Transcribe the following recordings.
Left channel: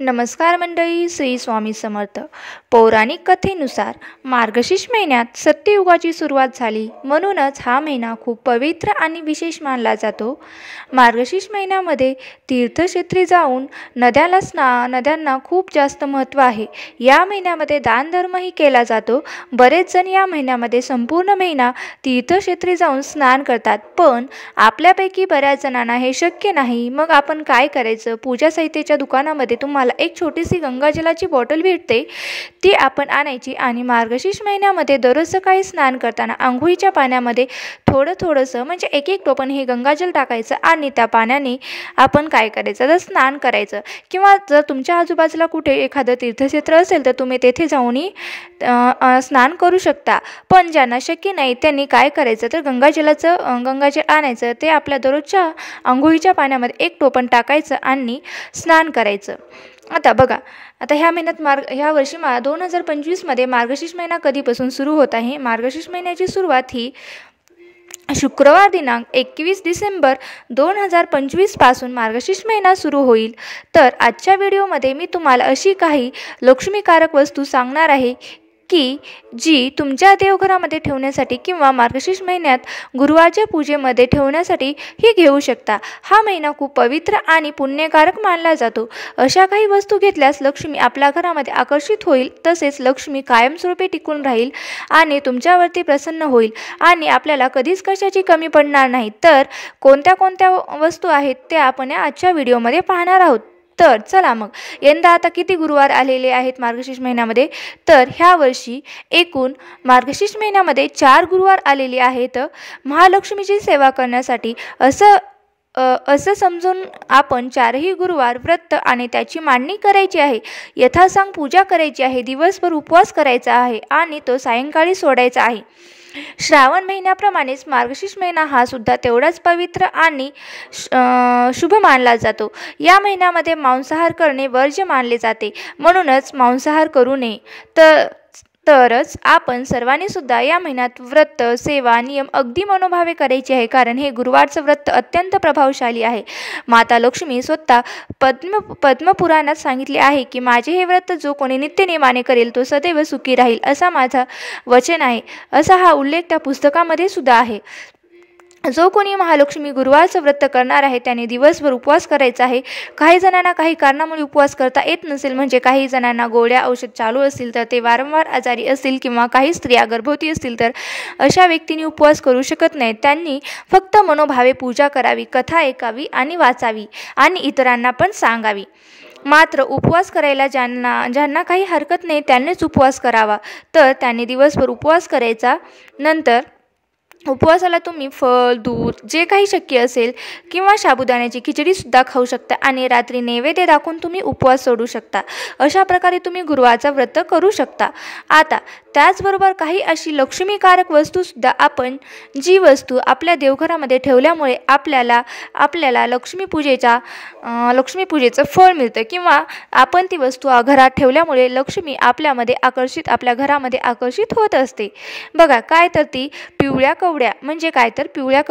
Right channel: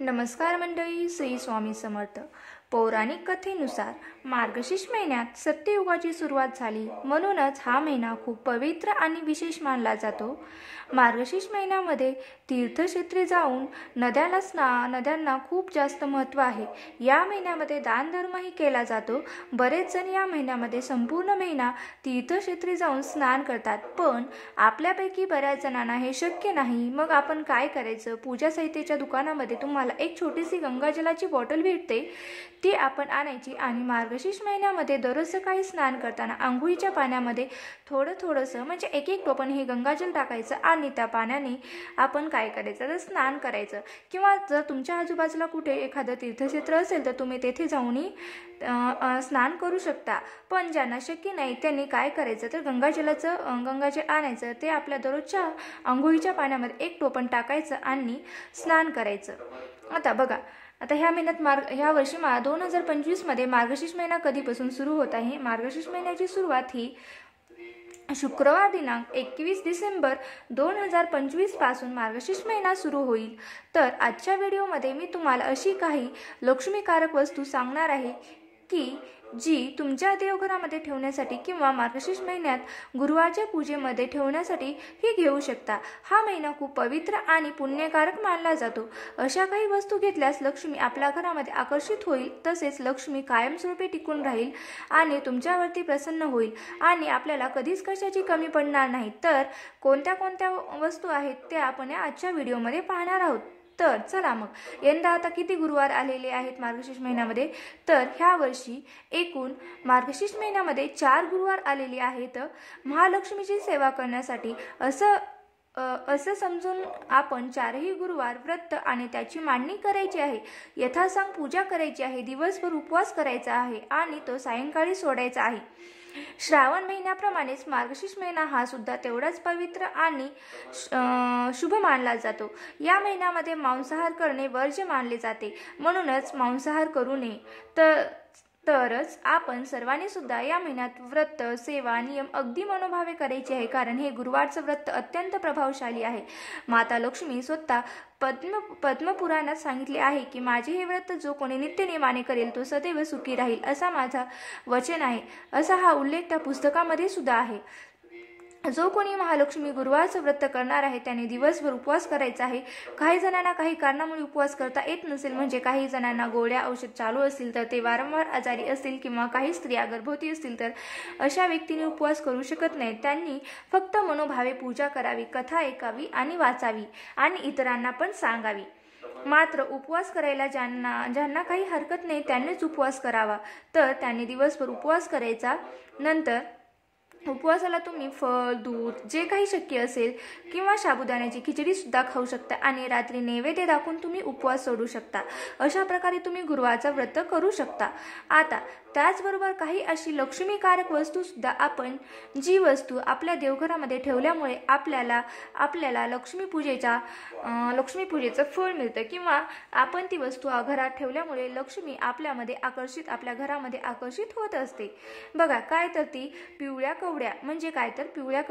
नमस्कार मंडळी, श्री स्वामी समर्थ. पौराणिक कथेनुसार मार्गशीर्ष महिन्यात सत्ययुगाची सुरुवात झाली, म्हणूनच हा महिना खूप पवित्र आणि विशेष मानला जातो. मार्गशीर्ष महिन्यामध्ये तीर्थक्षेत्री जाऊन नद्यांना खूप जास्त महत्त्व आहे. या महिन्यामध्ये दानधर्मही केला जातो. बरेच जण या महिन्यामध्ये संपूर्ण महिना तीर्थक्षेत्री जाऊन स्नान करतात, पण आपल्यापैकी बऱ्याच जणांना हे शक्य नाही. मग आपण काय करायचं? पूजा साहित्याच्या दुकानामध्ये तुम्हाला एक छोटीशी गंगाजलाची बॉटल भेटते, ती आपण आणायची आणि मार्गशीर्ष महिन्यामध्ये दररोज सकाळी स्नान करताना आंघोळीच्या पाण्यामध्ये थोडंसं म्हणजे एक टोपण हे गंगाजल टाकायचं आणि त्या पाण्याने आपण काय करायचं तर स्नान करायचं. किंवा जर तुमच्या आजूबाजूला कुठे एखादं तीर्थक्षेत्र असेल तर तुम्ही तेथे जाऊनही स्नान करू शकता. पण ज्यांना शक्य नाही त्यांनी काय करायचं तर गंगाजल आणायचं, ते आपल्या दररोजच्या आंघोळीच्या पाण्यामध्ये एक टोपण टाकायचं आणि स्नान करायचं. आता बघा, आता ह्या वर्षी 2025मध्ये मार्गशीर्ष महिना कधीपासून सुरू होत आहे. मार्गशीर्ष महिन्याची सुरुवात ही शुक्रवार दिनांक 21 डिसेंबर 2025 पासून मार्गशीर्ष महिना सुरू होईल. तर आजच्या व्हिडिओमध्ये मी तुम्हाला अशी काही लक्ष्मीकारक वस्तू सांगणार आहे की जी तुमच्या देवघरामध्ये ठेवण्यासाठी किंवा मार्गशीर्ष महिन्यात गुरुवारच्या पूजेमध्ये ठेवण्यासाठी ही घेऊ शकता. हा महिना खूप पवित्र आणि पुण्यकारक मानला जातो. अशा काही वस्तू घेतल्यास लक्ष्मी आपल्या घरामध्ये आकर्षित होईल, तसेच लक्ष्मी कायमस्वरूपी टिकून राहील आणि तुमच्यावरती प्रसन्न होईल आणि आपल्याला कधीच कशाची कमी पडणार नाही. तर कोणत्या वस्तू आहेत त्या आपण आजच्या व्हिडिओमध्ये पाहणार आहोत. तर चला मग, यंदा आता किती गुरुवार आलेले आहेत मार्गशीर्ष महिन्यामध्ये? तर ह्या वर्षी एकूण मार्गशीर्ष महिन्यामध्ये 4 गुरुवार आलेले आहेत. महालक्ष्मीची सेवा करण्यासाठी असं समजून आपण 4ही गुरुवार व्रत आणि त्याची मांडणी करायची आहे. यथासांग पूजा करायची आहे. दिवसभर उपवास करायचा आहे आणि तो सायंकाळी सोडायचा आहे. श्रावण महिन्याप्रमाणेच मार्गशीर्ष महिना हा सुद्धा तेवढाच पवित्र आणि शुभ मानला जातो. या महिन्यामध्ये मांसाहार करणे वर्ज्य मानले जाते, म्हणूनच मांसाहार करू नये. तरच आपण सर्वांनी सुद्धा या महिन्यात व्रत, सेवा, नियम अगदी मनोभावे करायचे आहे, कारण हे गुरुवारचं व्रत अत्यंत प्रभावशाली आहे. माता लक्ष्मी स्वतः पद्मपुराणात सांगितले आहे की माझे हे व्रत जो कोणी नित्यनेमाने करेल तो सदैव सुखी राहील, असा माझा वचन आहे. असा हा उल्लेख त्या पुस्तकामध्ये सुद्धा आहे. जो कोणी महालक्ष्मी गुरुवारचं व्रत करणार आहे त्याने दिवसभर उपवास करायचा आहे. काही जणांना काही कारणामुळे उपवास करता येत नसेल, म्हणजे काही जणांना गोळ्या औषध चालू असतील, तर ते वारंवार आजारी असतील किंवा काही स्त्रिया गर्भवती असतील, तर अशा व्यक्तींनी उपवास करू शकत नाहीत. त्यांनी फक्त मनोभावे पूजा करावी, कथा ऐकावी आणि वाचावी आणि इतरांना पण सांगावी. मात्र उपवास करायला ज्यांना काही हरकत नाही त्यांनीच उपवास करावा. तर त्यांनी दिवसभर उपवास करायचा. नंतर उपवासाला तुम्ही फळ, दूध जे काही शक्य असेल किंवा साबुदाण्याची खिचडीसुद्धा खाऊ शकता आणि रात्री नैवेद्य दाखवून तुम्ही उपवास सोडू शकता. अशा प्रकारे तुम्ही गुरुवारचं व्रत करू शकता. आता त्याचबरोबर काही अशी लक्ष्मीकारक वस्तूसुद्धा आपण, जी वस्तू आपल्या देवघरामध्ये ठेवल्यामुळे आपल्याला लक्ष्मीपूजेचं फळ मिळतं, किंवा आपण ती वस्तू घरात ठेवल्यामुळे लक्ष्मी आपल्या घरामध्ये आकर्षित होत असते. बघा, काय तर ती पिवळ्या कवड्या, म्हणजे काय तर पिवळ्या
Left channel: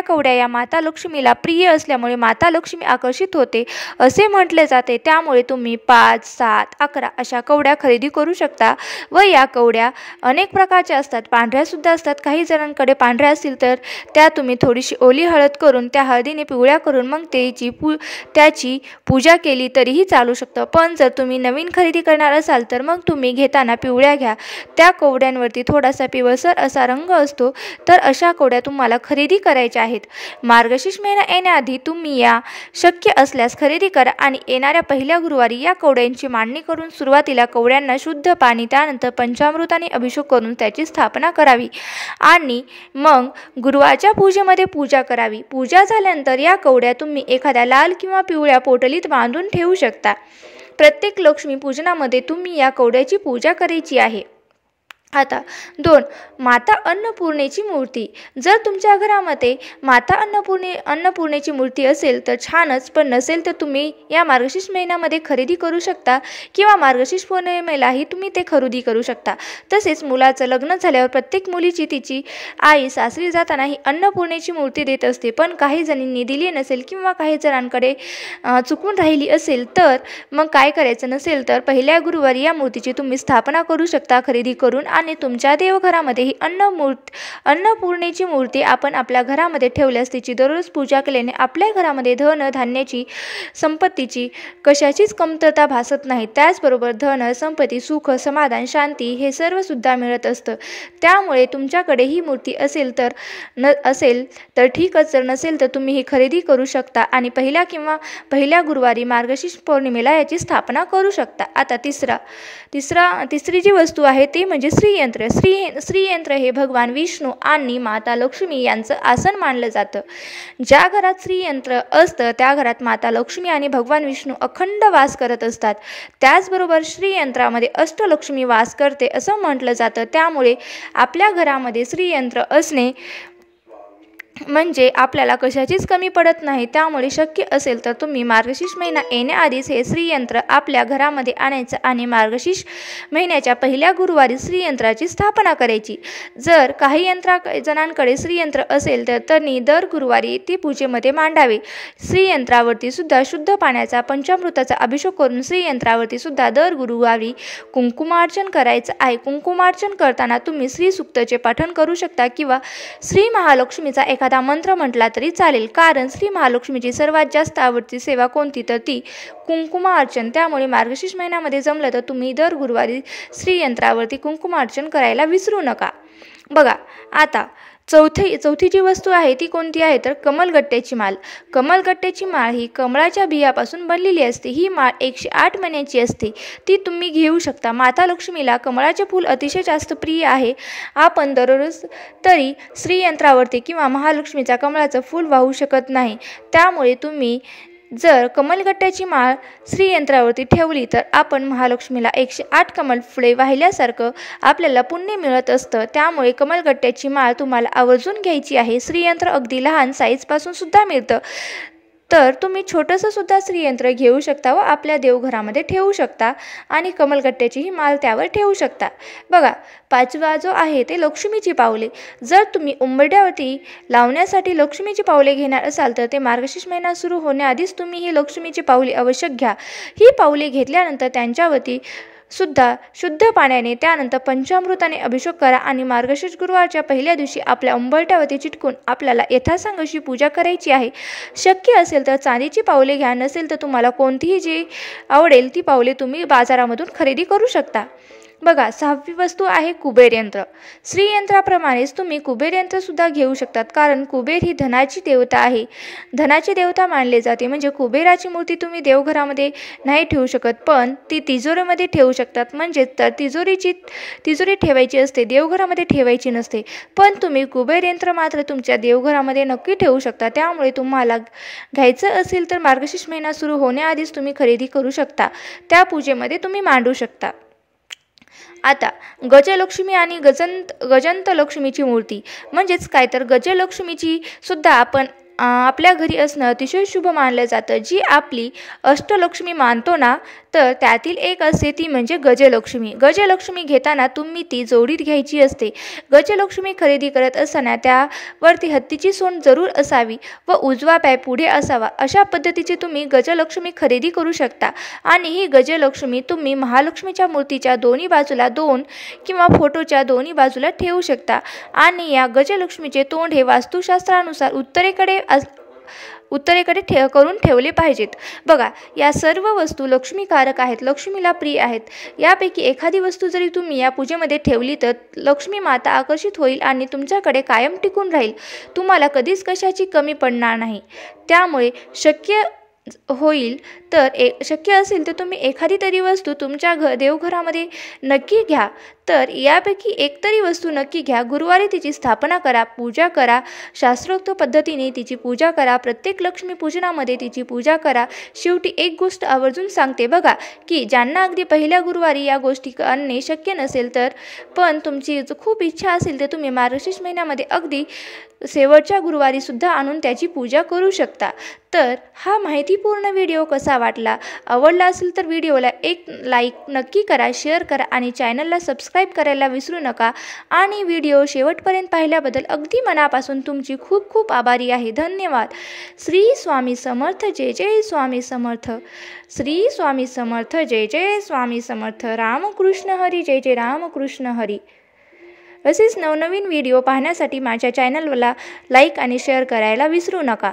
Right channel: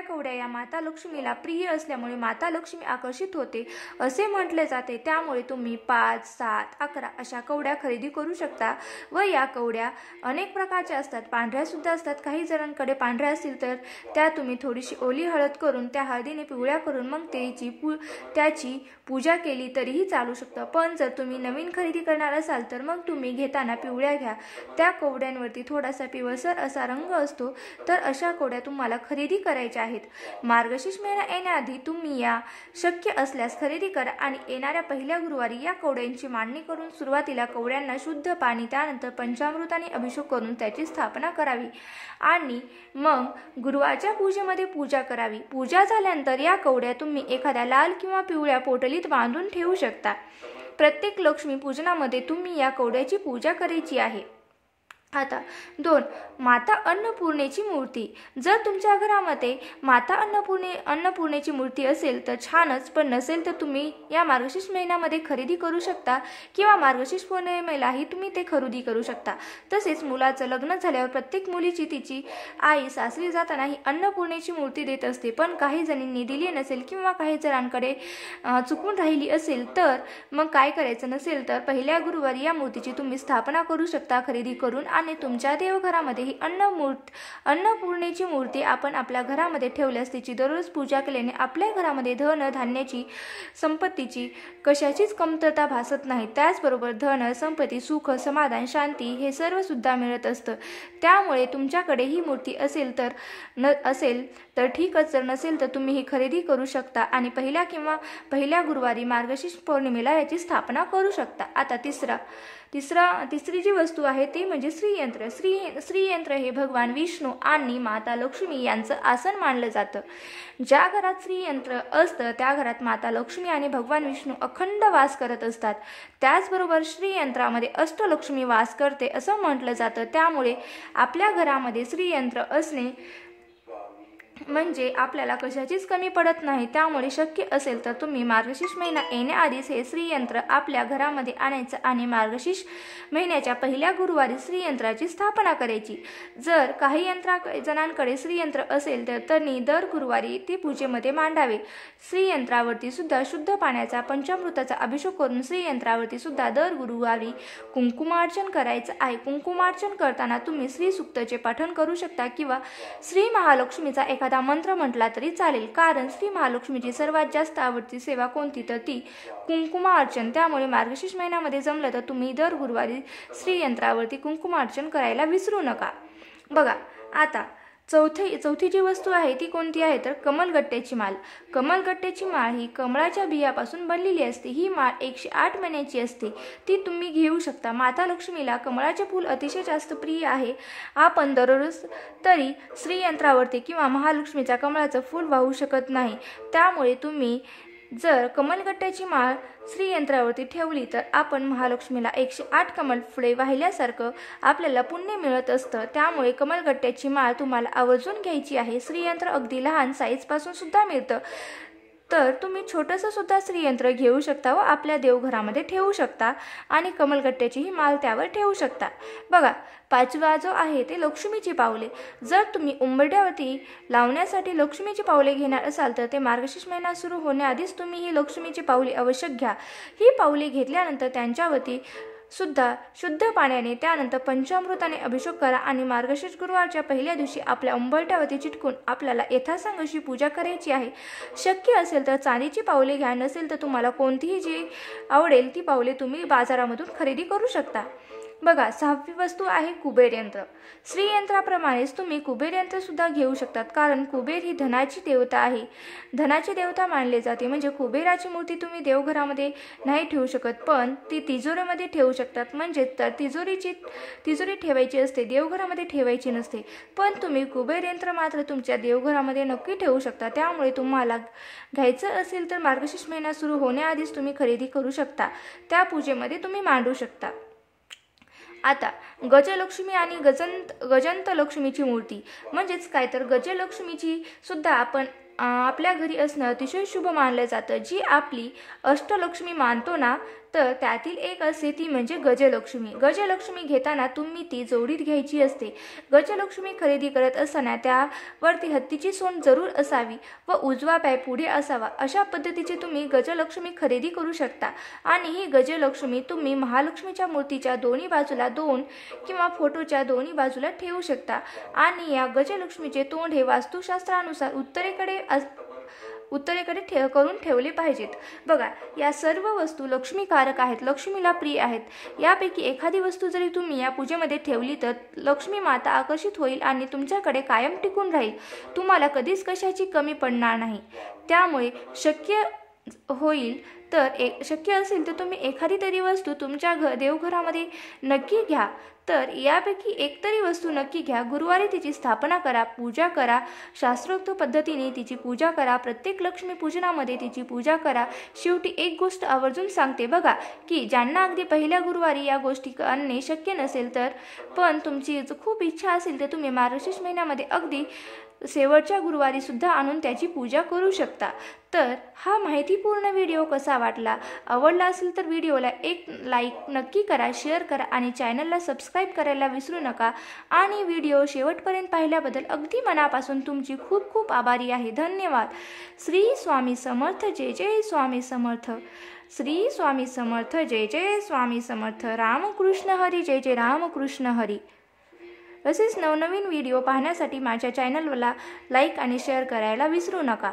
कवड्या या माता लक्ष्मीला प्रिय असल्यामुळे माता लक्ष्मी आकर्षित होते असे म्हटले जाते. त्यामुळे तुम्ही 5, 7, 11 अशा कवड्या खरेदी करू शकता. व या कवड्या अनेक प्रकारच्या असतात, पांढऱ्या सुद्धा असतात. काही जणांकडे पांढऱ्या असतील तर त्या तुम्ही थोडीशी ओली हळद करून, त्या हळदीने पिवळ्या करून मग त्याची पूजा केली तरीही चालू शकतं. पण जर तुम्ही नवीन खरेदी करणार असाल तर मग तुम्ही घेताना पिवळ्या घ्या. त्या कवड्यांवरती थोडासा पिवळसर असा रंग असतो, तर अशा कवड्या तुम्हाला खरेदी करायच्या आहेत. मार्गशीर्ष महिना येण्याआधी तुम्ही या शक्य असल्यास खरेदी करा आणि येणाऱ्या पहिल्या गुरुवारी या कवड्यांची मांडणी करून सुरुवातीला कवड्यांना शुद्ध पाणी, त्यानंतर पंचामृताने अभिषेक करून त्याची स्थापना करावी आणि मग गुरुवारच्या पूजेमध्ये पूजा करावी. पूजा झाल्यानंतर या कवड्या तुम्ही एखाद्या लाल किंवा पिवळ्या पोटलीत बांधून ठेवू शकता. प्रत्येक लक्ष्मी पूजनामध्ये तुम्ही या कवड्याची पूजा करायची आहे. आता 2. माता अन्नपूर्णेची मूर्ती. जर तुमच्या घरामध्ये माता अन्नपूर्णेची मूर्ती असेल तर छानच, पण नसेल तर तुम्ही या मार्गशीर्ष महिन्यामध्ये खरेदी करू शकता किंवा मार्गशीर्ष पौर्णिमेलाही तुम्ही ते खरेदी करू शकता. तसेच मुलाचं लग्न झाल्यावर प्रत्येक मुलीची तिची आई सासरी जाताना ही अन्नपूर्णेची मूर्ती देत असते, पण काही जणींनी दिली नसेल किंवा काही जणांकडे चुकून राहिली असेल तर मग काय करायचं, नसेल तर पहिल्या गुरुवारी या मूर्तीची तुम्ही स्थापना करू शकता खरेदी करून, आणि तुमच्या देवघरामध्ये ही अन्नपूर्णेची मूर्ती आपण आपल्या घरामध्ये ठेवल्यास तिची दररोज पूजा केल्याने आपल्या घरामध्ये धन धान्याची संपत्तीची कशाचीच कमतरता भासत नाही. त्याचबरोबर धन संपत्ती सुख समाधान शांती हे सर्व सुद्धा मिळत असतं. त्यामुळे तुमच्याकडे ही मूर्ती असेल तर ठीकच, जर नसेल तर तुम्ही ही खरेदी करू शकता आणि पहिल्या गुरुवारी मार्गशीर्ष पौर्णिमेला याची स्थापना करू शकता. आता तिसरी जी वस्तू आहे ती म्हणजे श्रीयंत्र. श्रीयंत्र हे भगवान विष्णू आणि माता लक्ष्मी यांचं आसन मानलं जातं. ज्या घरात श्रीयंत्र असतं त्या घरात माता लक्ष्मी आणि भगवान विष्णू अखंड वास करत असतात. त्याचबरोबर श्रीयंत्रामध्ये अष्टलक्ष्मी वास करते असं म्हटलं जातं. त्यामुळे आपल्या घरामध्ये श्रीयंत्र असणे म्हणजे आपल्याला कशाचीच कमी पडत नाही. त्यामुळे शक्य असेल तर तुम्ही मार्गशीर्ष महिना येण्याआधीच हे श्रीयंत्र आपल्या घरामध्ये आणायचं आणि मार्गशीर्ष महिन्याच्या पहिल्या गुरुवारी श्रीयंत्राची स्थापना करायची. जर काही जणांकडे श्रीयंत्र असेल तर त्यांनी दर गुरुवारी ती पूजेमध्ये मांडावे. श्रीयंत्रावरती सुद्धा शुद्ध पाण्याचा पंचामृताचा अभिषेक करून श्रीयंत्रावरती सुद्धा दर गुरुवारी कुंकुमार्चन करायचं आहे. कुंकुमार्चन करताना तुम्ही श्रीसूक्तचे पठण करू शकता किंवा श्री महालक्ष्मीचा एखादा मंत्र म्हटला तरी चालेल, कारण श्री महालक्ष्मीची सर्वात जास्त आवडती सेवा कोणती तर ती कुंकुमार्चन. त्यामुळे मार्गशीर्ष महिन्यामध्ये जमलं तर तुम्ही दर गुरुवारी श्रीयंत्रावरती कुंकुमार्चन करायला विसरू नका. बघा, आता चौथी जी वस्तू आहे ती कोणती आहे तर कमलगट्ट्याची माळ. कमलगट्ट्याची माळ ही कमळाच्या बियापासून बनलेली असते. ही माळ 108 महिन्याची असते. ती तुम्ही घेऊ शकता. माता लक्ष्मीला कमळाचे फूल अतिशय जास्त प्रिय आहे. आपण दररोज तरी श्रीयंत्रावरती किंवा महालक्ष्मीच्या कमळाचं फूल वाहू शकत नाही. त्यामुळे तुम्ही जर कमलगट्ट्याची माळ श्रीयंत्रावरती ठेवली तर आपण महालक्ष्मीला 108 कमल फुले वाहिल्यासारखं आपल्याला पुण्य मिळत असतं. त्यामुळे कमलगट्ट्याची माळ तुम्हाला आवर्जून घ्यायची आहे. श्रीयंत्र अगदी लहान साईजपासून सुद्धा मिळतं, तर तुम्ही छोटंसं सुद्धा श्रीयंत्र घेऊ शकता व आपल्या देवघरामध्ये ठेवू शकता आणि कमलगट्ट्याची ही माळ त्यावर ठेवू शकता. बघा, 5वा जो आहे ते लक्ष्मीची पावले. जर तुम्ही उंबरठ्यावरती लावण्यासाठी लक्ष्मीची पावले घेणार असाल तर ते मार्गशीर्ष महिना सुरू होण्याआधीच तुम्ही ही लक्ष्मीची पावले आवश्यक घ्या. ही पावले घेतल्यानंतर त्यांच्यावरती सुद्धा शुद्ध पाण्याने त्यानंतर पंचामृताने अभिषेक करा आणि मार्गशीर्ष गुरुवारच्या पहिल्या दिवशी आपल्या उंबरठ्यावरती चिटकून आपल्याला यथासांग अशी पूजा करायची आहे. शक्य असेल तर चांदीची पावले घ्या, नसेल तर तुम्हाला कोणतीही जी आवडेल ती पावले तुम्ही बाजारामधून खरेदी करू शकता. बघा, 6वी वस्तू आहे कुबेर यंत्र. श्रीयंत्राप्रमाणेच तुम्ही कुबेर यंत्र सुद्धा घेऊ शकतात, कारण कुबेर ही धनाची देवता आहे. धनाची देवता मानले जाते. म्हणजे कुबेराची मूर्ती तुम्ही देवघरामध्ये नाही ठेवू शकत, पण ती तिजोरीमध्ये ठेवू शकतात. म्हणजे तर तिजोरी ठेवायची असते, देवघरामध्ये ठेवायची नसते. पण तुम्ही कुबेर यंत्र मात्र तुमच्या देवघरामध्ये नक्की ठेवू शकता. त्यामुळे तुम्हाला घ्यायचं असेल तर मार्गशीर्ष महिना सुरू होण्याआधीच तुम्ही खरेदी करू शकता. त्या पूजेमध्ये तुम्ही मांडू शकता. आता गजलक्ष्मी आणि गजंत लक्ष्मीची मूर्ती म्हणजेच काय तर गजलक्ष्मीची सुद्धा आपण आपल्या घरी असणं अतिशय शुभ मानलं जातं. जी आपली अष्टलक्ष्मी मानतो ना, तर त्यातील एक असते ती म्हणजे गजलक्ष्मी. गजलक्ष्मी घेताना तुम्ही ती जोडीत घ्यायची असते. गजलक्ष्मी खरेदी करत असताना त्यावरती हत्तीची सोंड जरूर असावी व उजवा पाय पुढे असावा. अशा पद्धतीची तुम्ही गजलक्ष्मी खरेदी करू शकता. आणि ही गजलक्ष्मी तुम्ही महालक्ष्मीच्या मूर्तीच्या दोन्ही बाजूला 2 किंवा फोटोच्या दोन्ही बाजूला ठेवू शकता. आणि या गजलक्ष्मीचे तोंड हे वास्तुशास्त्रानुसार उत्तरेकडे करून ठेवले पाहिजेत. बघा, या सर्व वस्तू लक्ष्मीकारक आहेत, लक्ष्मीला प्रिय आहेत. यापैकी एखादी वस्तू जरी तुम्ही या पूजेमध्ये ठेवली तर लक्ष्मी माता आकर्षित होईल आणि तुमच्याकडे कायम टिकून राहील. तुम्हाला कधीच कशाची कमी पडणार नाही. त्यामुळे शक्य होईल तर शक्य असेल तर तुम्ही एखादी तरी वस्तू तुमच्या देवघरामध्ये नक्की घ्या. तर यापैकी एक तरी वस्तू नक्की घ्या. गुरुवारी तिची स्थापना करा, पूजा करा, शास्त्रोक्त पद्धतीने तिची पूजा करा. प्रत्येक लक्ष्मीपूजनामध्ये तिची पूजा करा. शेवटी एक गोष्ट आवर्जून सांगते बघा, की ज्यांना अगदी पहिल्या गुरुवारी या गोष्टी आणणे शक्य नसेल तर पण तुमची खूप इच्छा असेल तर तुम्ही मार्गशीर्ष महिन्यामध्ये अगदी शेवटच्या गुरुवारी सुद्धा आणून त्याची पूजा करू शकता. तर हा माहितीपूर्ण व्हिडिओ कसा वाटला? आवडला असेल तर व्हिडिओला एक लाईक नक्की करा, शेअर करा आणि चॅनलला सबस्क्राईब करायला विसरू नका. आणि व्हिडिओ शेवटपर्यंत पाहिल्याबद्दल अगदी मनापासून तुमची खूप खूप आभारी आहे. धन्यवाद. श्री स्वामी समर्थ. जय जय स्वामी समर्थ. श्री स्वामी समर्थ. जय जय स्वामी समर्थ. रामकृष्ण हरी. जय जय रामकृष्ण हरी. असेच नवनवीन व्हिडिओ पाहण्यासाठी माझ्या चॅनलला लाईक आणि शेअर करायला विसरू नका.